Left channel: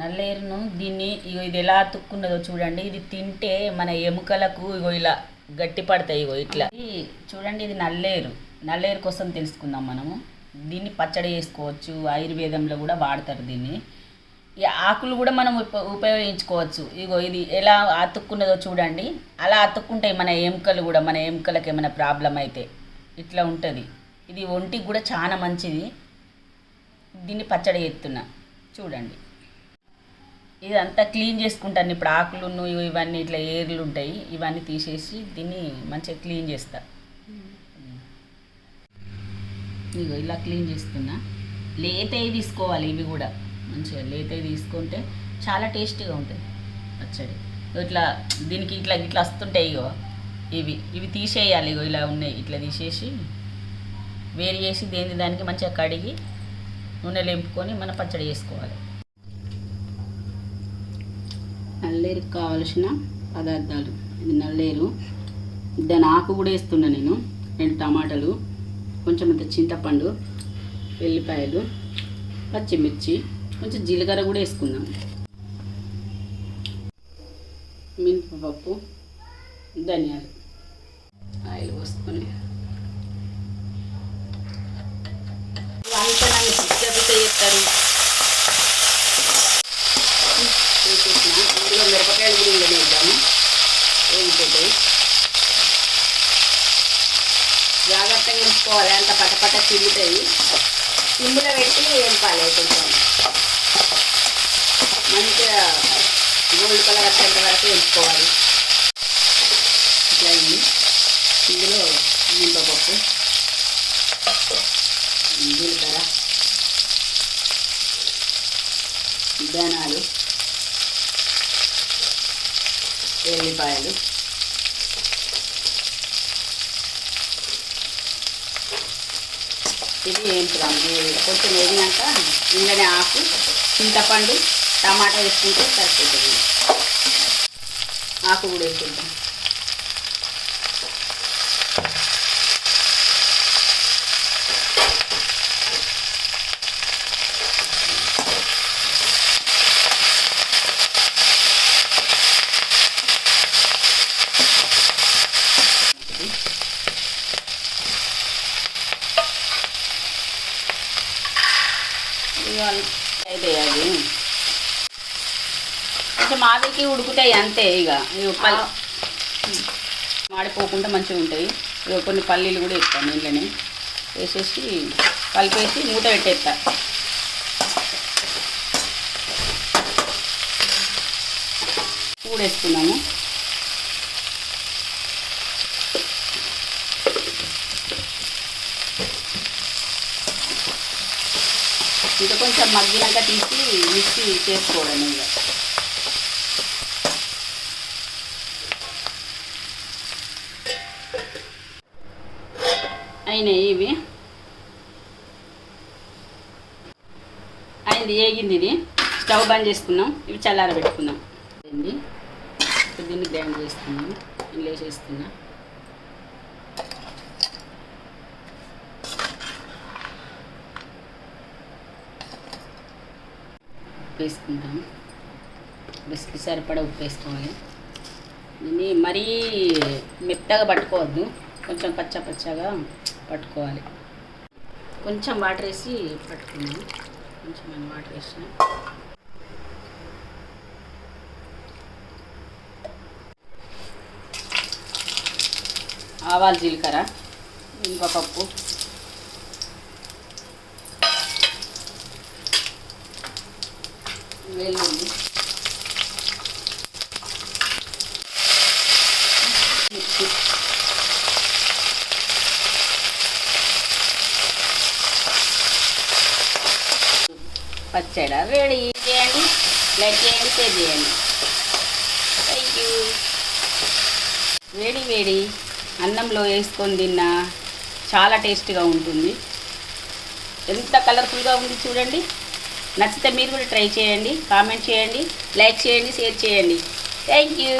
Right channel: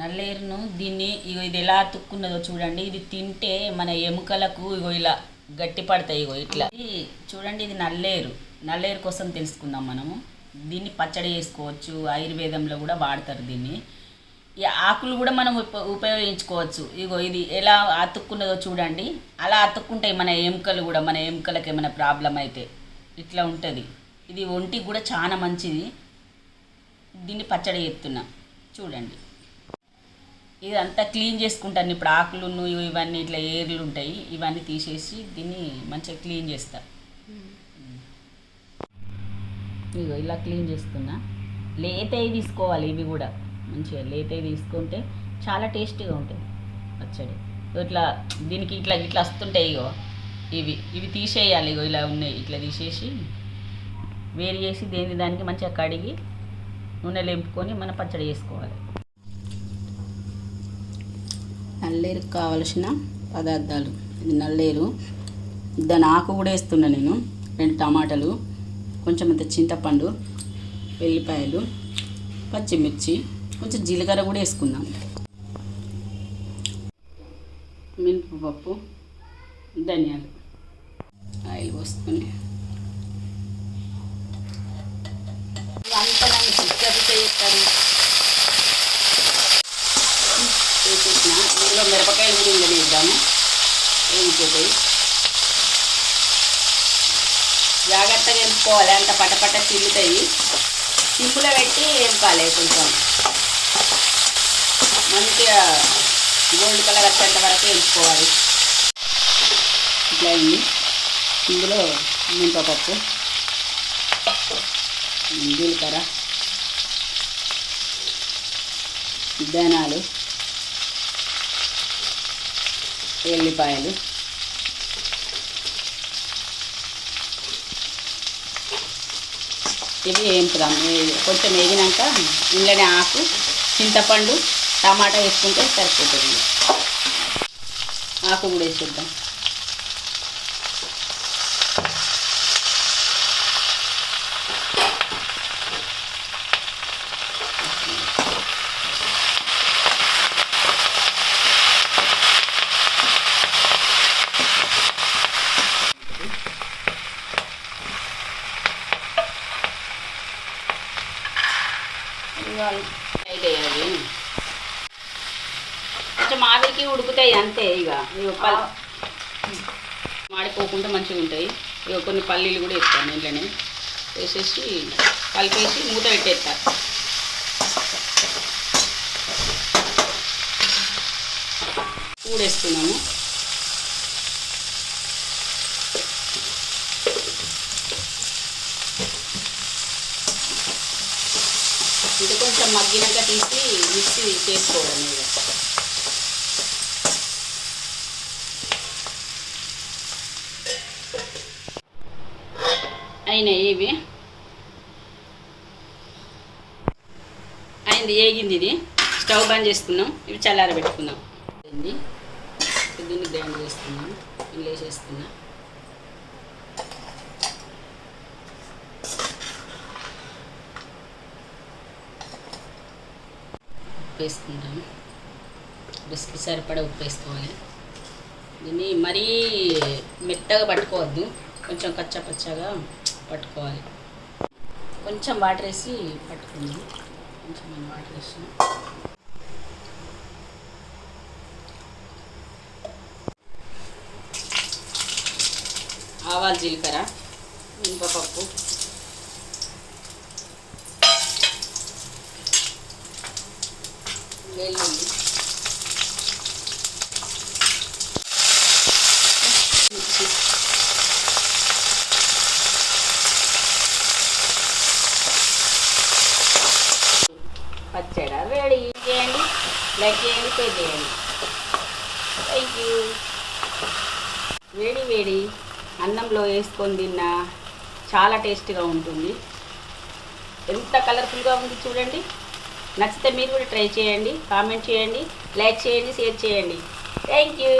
నల్లేరును దీన్ని ఇగో ఇది ఎలా అతుక్కున్నదో చూడండి. ఇది తింటే మన ఎముకలకు ఇగో ఇలా గట్టి పడతాయి ఇగో ఇట్లా. చూడండి ఇది నల్లేరు. నల్లేరు కోసం తెలుసుకుందాం మనము. దీన్ని పచ్చడి చేసుకోవచ్చు ఆయుర్వేదంలో కూడా వాడతారు దీన్ని. ఈ ఆకులు కూడా మనం ఉప ఉపయోగించుకోవచ్చు. ఇగో ఇది ఎలా అతుక్కున్నదో చూడండి. అలా అతుక్కుంటాయి మన ఎముకలు కూడా మన ఎముకలకు ఏమైనా ప్రాబ్లం అయితే. ఇట్లా ఉంటుంది. ఇది ఒంటికి కూడా చాలా మంచిది. దీన్ని పచ్చడి చేస్తున్నా. చూడండి. ఇదంతా క్లీన్ చేసుకుంటాను. ఇప్పుడు ఆకులు ఇవన్నీ ఇట్లా ఏర్లు ఉంటాయి ఇవన్నీ తీసేసి దీన్ని మంచిగా క్లీన్ చేస్తా. ఇగో ఇలా క్లీన్ చేస్తున్నా. లేతవి తీసుకోవాలి ఇవి కూడా. మంచిగా లేతవి తీసుకుంటే చాలా టేస్టీగా ఉంటుంది పచ్చడి. ఇట్లా దీనికి ఇట్లా ఇట్లా వస్తుంటాయి ఇగో ఇవి ఇవి తీసేయాలి ఇగో ఇలా ఉన్నాయి. ఇట్లా తీసేసి వేరు చేసి దేని దానికి మంచిగా కడిగి నూనె లేపుకొని మన పచ్చడి చేసుకోవాలి. నల్లేరుకి కావలసిన పదార్థాలు. ఇది నల్లేరు. దాని ఆకు కూడా వేస్తున్నా నేను. రెండు టమాటాలు కొంచెం అంత చింతపండు వెల్లిపాయలు పచ్చిమిర్చి కొంచెం జీలకర్ర కూడా వేసుకున్నాను. మినపప్పు ధనియాలు. ఆయిల్ పోసుకొని. అంతా నన్ను చిక్కటి చేస్తారు తీసేసిన ఇందులో మిరపకాయలు కూడా ఇందులో వేద్దాము. వేగిపోతాయి జాగ్రత్తగా ఎంపుకోవాలి అంత పటపట చిల్లుతాయి సిమ్ములో పెట్టి ఎంపాలి కొంచెం. మంచిగా గోల్డ్ కలర్ వచ్చేంత వరకు ఎంపుకోవాలి ఇట్లా అయింది. ఇందులో మినపప్పు జీలకర్ర. ధనాలు. ఎల్లిపాయలు ఇది వేపుదాం కొంచెం వేగినాక ఇందులోనే ఆకు చింతపండు టమాటా వేసుకుంటే సరిపోతుంది. ఆకు కూడా వేసుకుంటాం. అవి కొంచెం ఆవిరికి ఉడుకుతాయి అంతే ఇక. మాడిపోకుండా మంచిగా ఉంటాయి. ఇక కొన్ని పల్లీలు కూడా వేస్తాను ఇంట్లోనే. వేసేసి కలిపేసి మూత పెట్టేస్తా. కూడా ఇది కొంచెం మగ్గినాక తీసి మిక్సీ చేసుకోవడం ఇంకా. అయినాయి ఇవి. అయింది ఏగింది ఇది. స్టవ్ బంద్ చేసుకున్నాం. ఇవి చల్లార పెట్టుకున్నాం దీన్ని గ్రైండ్ చేసుకున్నాం ఇల్లు వేసేసుకున్నాం ఉప్పు వేసుకుంటాను రుచికి సరిపడా ఉప్పు వేసుకోవాలి దీన్ని మరీ మెత్తగా పట్టుకోవద్దు. కొంచెం కచ్చా పచ్చగా పట్టుకోవాలి. కొంచెం వాటర్ వేసి పట్టుకున్నాను కొంచెం వాటర్ వేసాను ఆవాలు జీలకర్ర మినపప్పు వెల్లుల్లి మిర్చి పచ్చడి రెడీ చేయండి లైక్ చేయండి. షేర్ చేయండి థ్యాంక్ యూ వేడి వేడి అన్నంలో వేసుకొని తిన్నా చాలా టేస్ట్గా ఉంటుంది. ఎంత కలర్ఫుల్గా ఉంది చూడండి. నచ్చితే మీరు కూడా ట్రై చేయండి కామెంట్ చేయండి లైక్ చేయండి షేర్ చేయండి. Thank you